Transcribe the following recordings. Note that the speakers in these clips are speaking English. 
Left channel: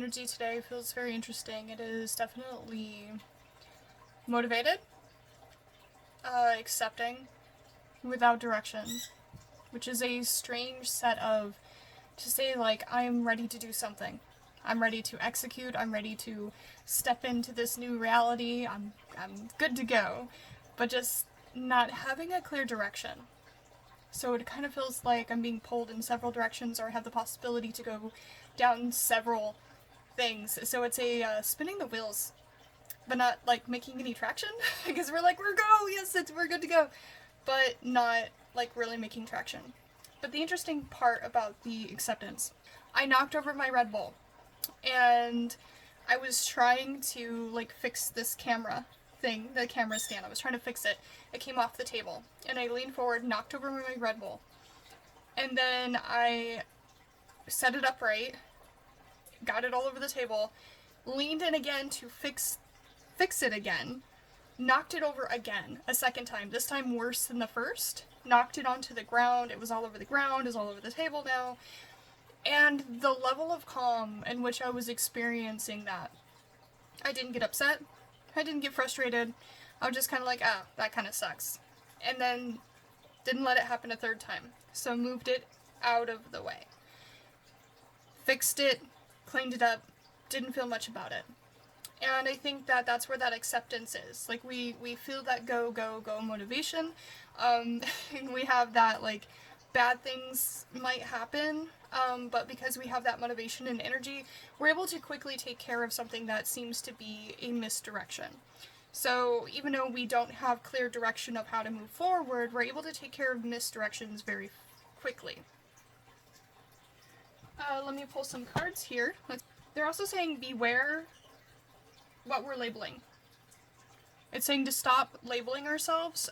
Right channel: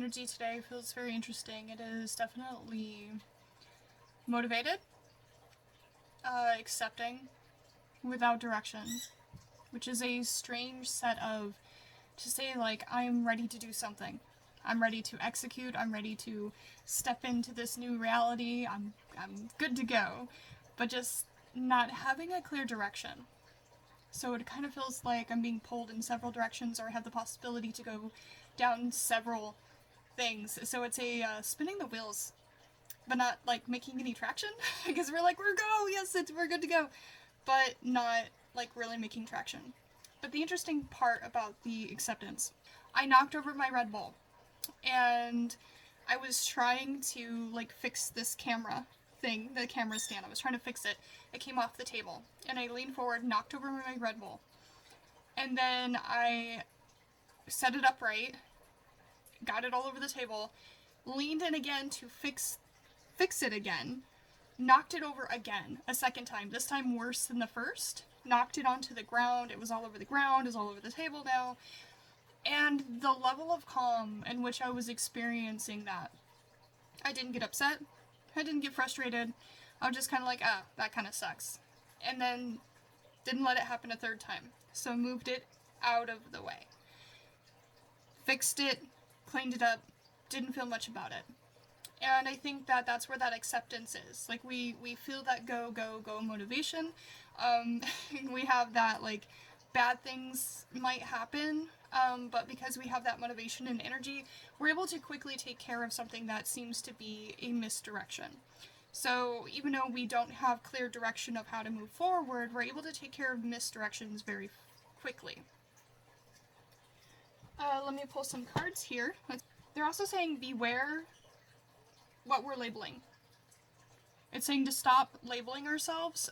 Energy today feels very interesting. It is definitely motivated, accepting, without direction, which is a strange set of to say, like, I'm ready to do something. I'm ready to execute. I'm ready to step into this new reality. I'm good to go, but just not having a clear direction. So it kind of feels like I'm being pulled in several directions, or have the possibility to go down several things. So it's a spinning the wheels, but not like making any traction because we're go, yes, we're good to go, but not like really making traction. But the interesting part about the acceptance, I knocked over my Red Bull, and I was trying to like fix this camera thing, the camera stand. I was trying to fix it. It came off the table, and I leaned forward, knocked over my Red Bull, and then I set it upright, got it all over the table, leaned in again to fix it again, knocked it over again a second time, this time worse than the first, knocked it onto the ground. It was all over the ground, it was all over the table now. And the level of calm in which I was experiencing that, I didn't get upset, I didn't get frustrated, I was just kind of like, ah, that kind of sucks. And then didn't let it happen a third time. So moved it out of the way. Fixed it, cleaned it up, didn't feel much about it. And I think that that's where that acceptance is. Like, we feel that go motivation. We have that, like, bad things might happen, but because we have that motivation and energy, we're able to quickly take care of something that seems to be a misdirection. So even though we don't have clear direction of how to move forward, we're able to take care of misdirections very quickly. Let me pull some cards here. They're also saying beware what we're labeling. It's saying to stop labeling ourselves,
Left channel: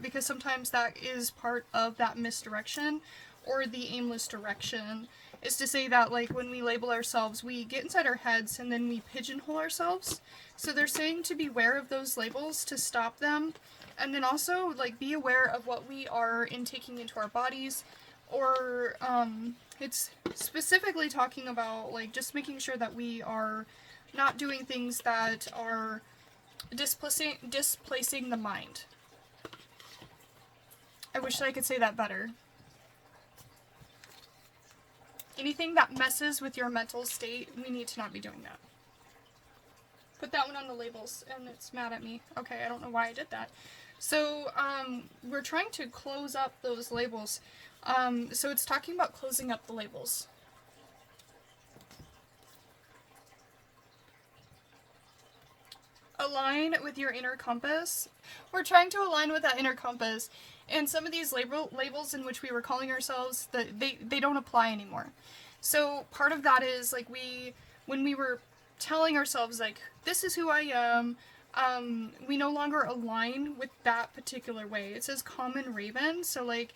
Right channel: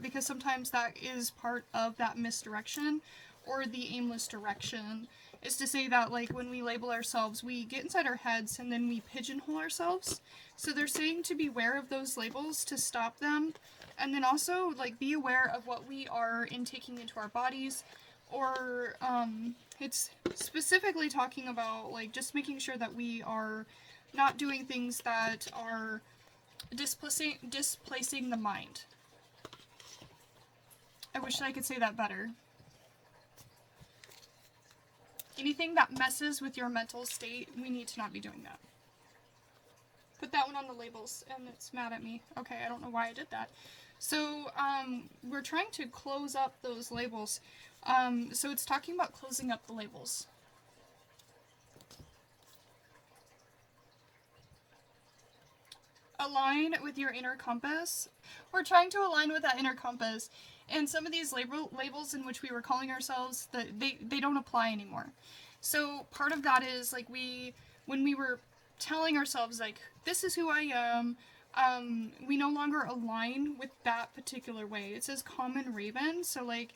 because sometimes that is part of that misdirection or the aimless direction. Is to say that, like, when we label ourselves, we get inside our heads and then we pigeonhole ourselves. So they're saying to beware of those labels, to stop them, and then also, like, be aware of what we are intaking into our bodies, or it's specifically talking about, like, just making sure that we are not doing things that are displacing the mind. I wish I could say that better. Anything that messes with your mental state, we need to not be doing that. Put that one on the labels, and it's mad at me. Okay, I don't know why I did that. So, we're trying to close up those labels. So it's talking about closing up the labels. Align with your inner compass. We're trying to align with that inner compass, and some of these labels in which we were calling ourselves, that they don't apply anymore. So part of that is, like, when we were telling ourselves, like, this is who I am, we no longer align with that particular way. It says common raven, so, like,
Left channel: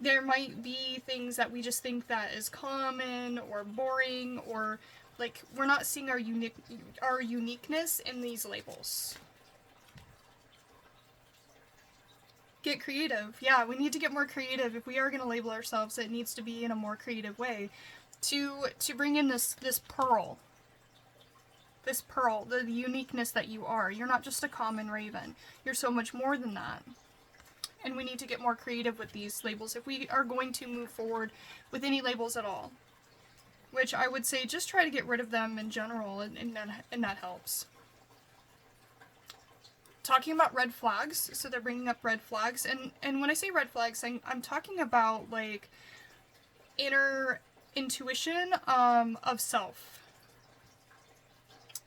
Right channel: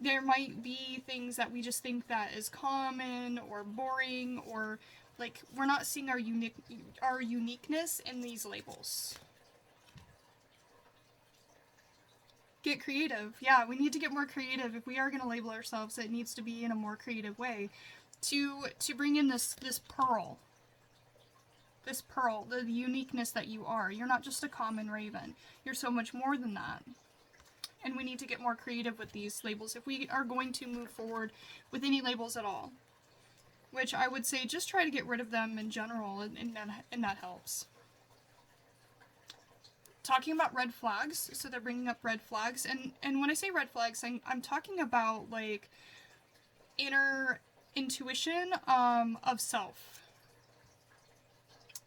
there might be things that we just think that is common or boring, or, like, we're not seeing our uniqueness in these labels. Get creative. Yeah, we need to get more creative. If we are going to label ourselves, it needs to be in a more creative way. To bring in this pearl. This pearl, the uniqueness that you are. You're not just a common raven. You're so much more than that. And we need to get more creative with these labels if we are going to move forward with any labels at all. Which I would say just try to get rid of them in general, and that helps. Talking about red flags, so they're bringing up red flags, and when I say red flags, I'm talking about, like, inner intuition of self.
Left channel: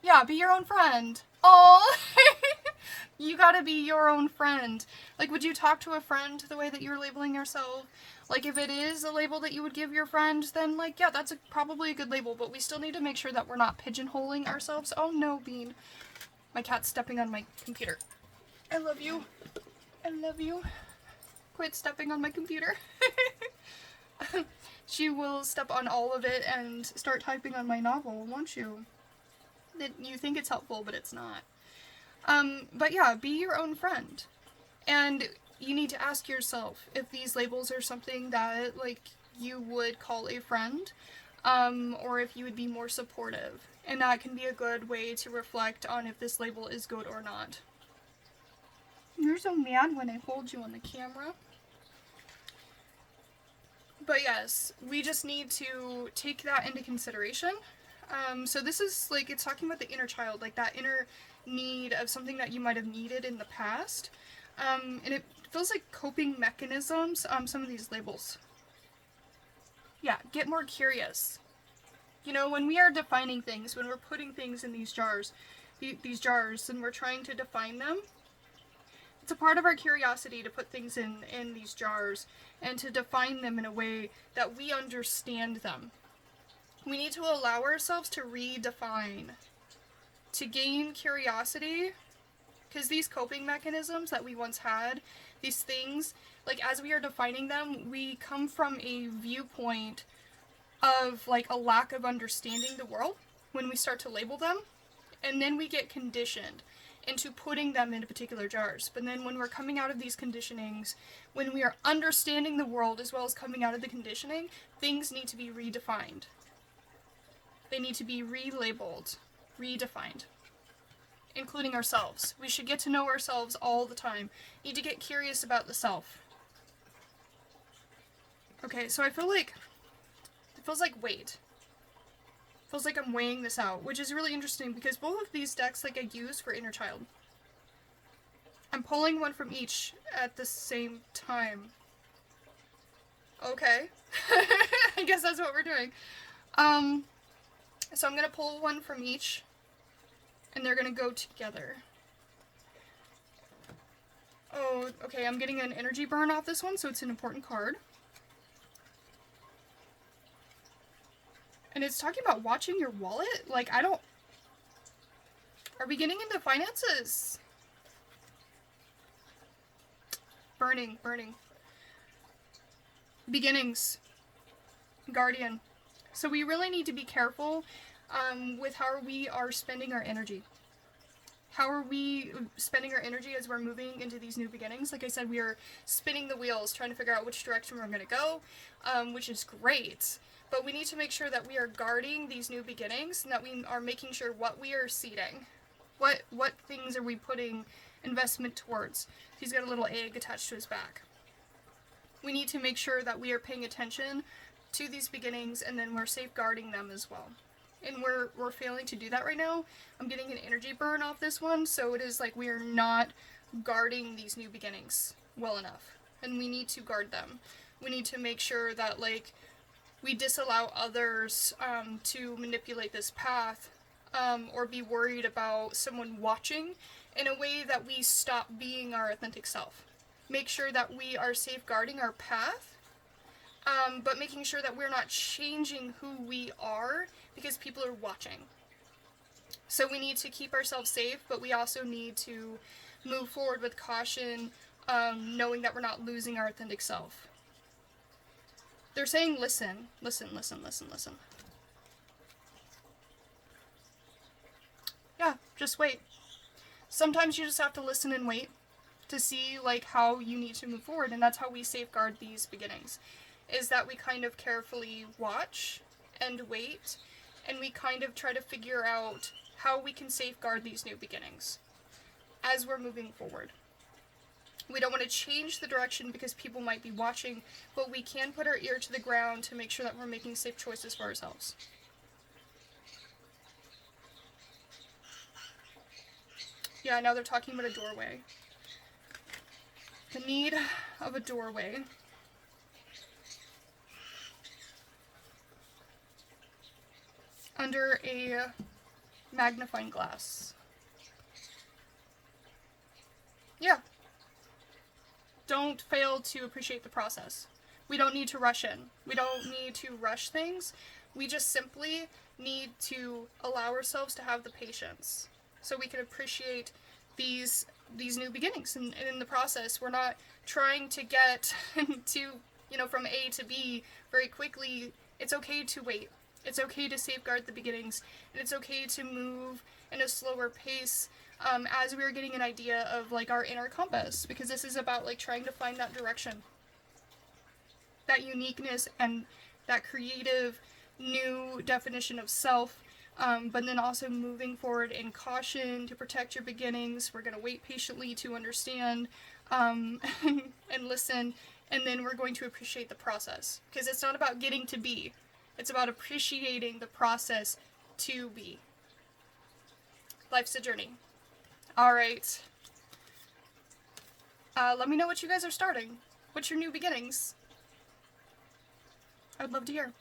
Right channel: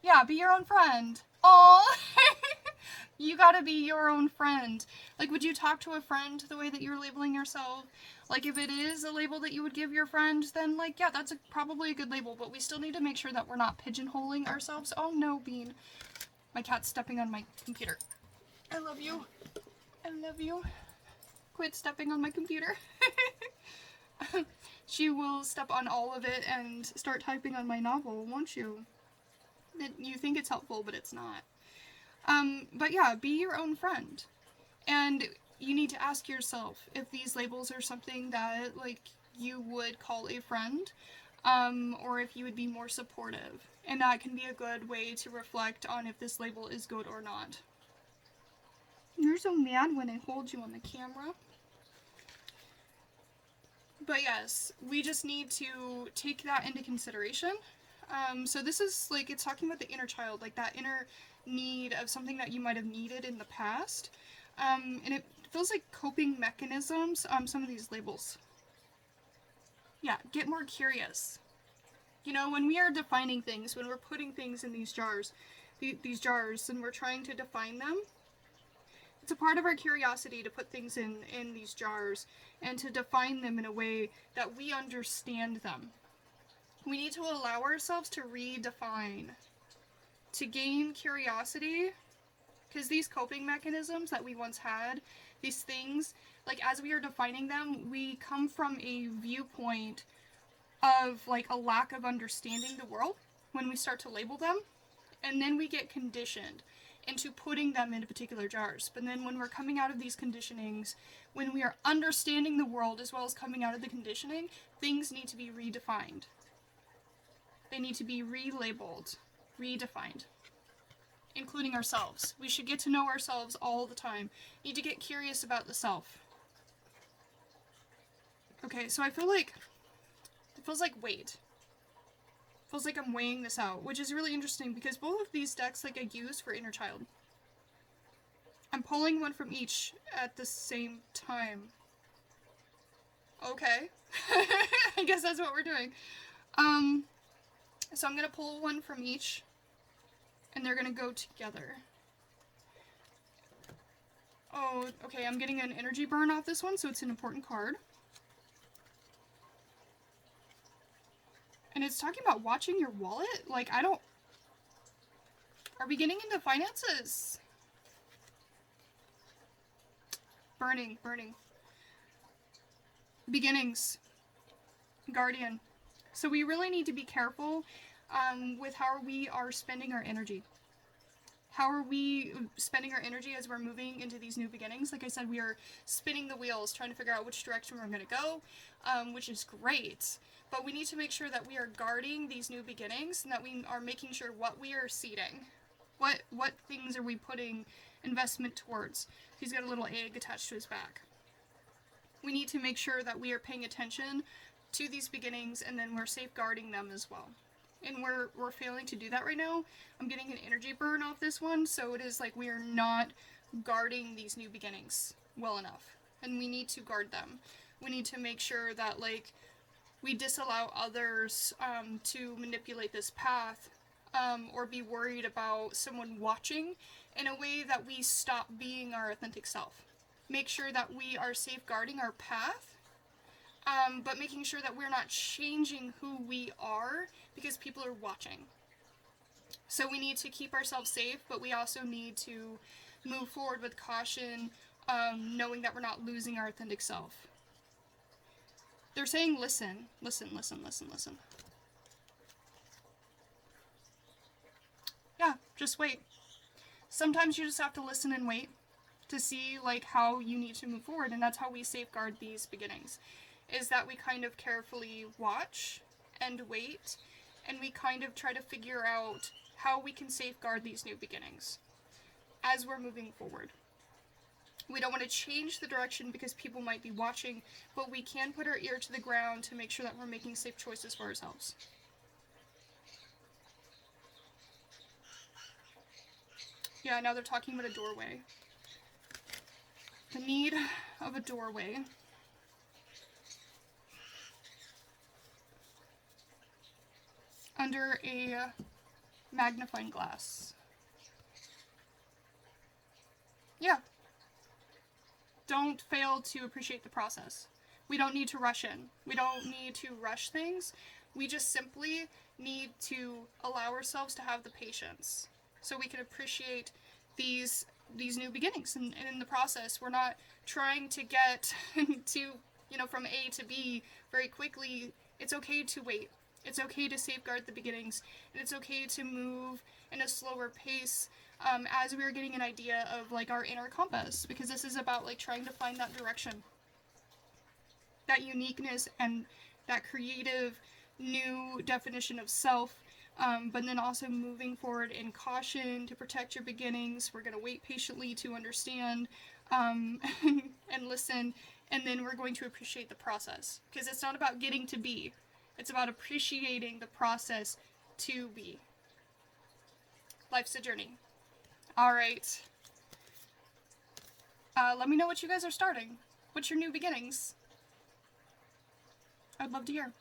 Yeah, be your own friend. Aww! You gotta be your own friend. Like, would you talk to a friend the way that you're labeling yourself? Like, if it is a label that you would give your friend, then, like, yeah, that's probably a good label, but we still need to make sure that we're not pigeonholing ourselves. Oh no, Bean. My cat's stepping on my computer. I love you. I love you. Quit stepping on my computer. She will step on all of it and start typing on my novel, won't you? You think it's helpful, but it's not. But yeah, be your own friend. And you need to ask yourself if these labels are something that, like, you would call a friend, or if you would be more supportive. And that can be a good way to reflect on if this label is good or not. You're so mad when I hold you on the camera. But yes, we just need to take that into consideration. So this is like, it's talking about the inner child, like that inner need of something that you might have needed in the past. And it feels like coping mechanisms, some of these labels. Yeah, get more curious. You know, when we are defining things, when we're putting things in these jars, and we're trying to define them, it's a part of our curiosity to put things in these jars and to define them in a way that we understand them. We need to allow ourselves to redefine, to gain curiosity, because these coping mechanisms that we once had, these things, like as we are defining them, we come from a viewpoint of like a lack of understanding the world when we start to label them, and then we get conditioned into putting them into particular jars. But then when we're coming out of these conditionings, when we are understanding the world as well as coming out of the conditioning, things need to be redefined. They need to be relabeled, redefined, including ourselves. We should get to know ourselves all the time. Need to get curious about the self. Okay, so it feels like weight. Feels like I'm weighing this out, which is really interesting because both of these decks like I use for inner child. I'm pulling one from each at the same time. Okay. I guess that's what we're doing. So I'm gonna pull one from each and they're gonna go together. Oh, okay, I'm getting an energy burn off this one, so it's an important card. And it's talking about watching your wallet? Like, are we getting into finances? Burning. Beginnings. Guardian. So we really need to be careful with how we are spending our energy. How are we spending our energy as we're moving into these new beginnings? Like I said, we are spinning the wheels, trying to figure out which direction we're going to go, which is great. But we need to make sure that we are guarding these new beginnings and that we are making sure what we are seeding. What things are we putting investment towards? He's got a little egg attached to his back. We need to make sure that we are paying attention to these beginnings and then we're safeguarding them as well. And we're failing to do that right now. I'm getting an energy burn off this one, so it is like we are not guarding these new beginnings well enough. And we need to guard them. We need to make sure that like we disallow others to manipulate this path or be worried about someone watching in a way that we stop being our authentic self. Make sure that we are safeguarding our path, but making sure that we're not changing who we are because people are watching. So we need to keep ourselves safe, but we also need to move forward with caution, knowing that we're not losing our authentic self. They're saying listen. Yeah, just wait. Sometimes you just have to listen and wait to see like how you need to move forward, and that's how we safeguard these beginnings, is that we kind of carefully watch and wait, and we kind of try to figure out how we can safeguard these new beginnings as we're moving forward. We don't want to change the direction because people might be watching, but we can put our ear to the ground to make sure that we're making safe choices for ourselves. Yeah, now they're talking about a doorway. The need of a doorway. Under a magnifying glass. Yeah. Don't fail to appreciate the process. We don't need to rush in. We don't need to rush things. We just simply need to allow ourselves to have the patience so we can appreciate these new beginnings. And in the process, we're not trying to get to, from A to B very quickly. It's okay to wait. It's okay to safeguard the beginnings. And it's okay to move in a slower pace as we're getting an idea of like our inner compass, because this is about like trying to find that direction, that uniqueness and that creative new definition of self but then also moving forward in caution to protect your beginnings. We're going to wait patiently to understand and listen, and then we're going to appreciate the process, because it's not about getting to be, it's about appreciating the process to be. Life's a journey. All right. Let me know what you guys are starting. What's your new beginnings? I'd love to hear.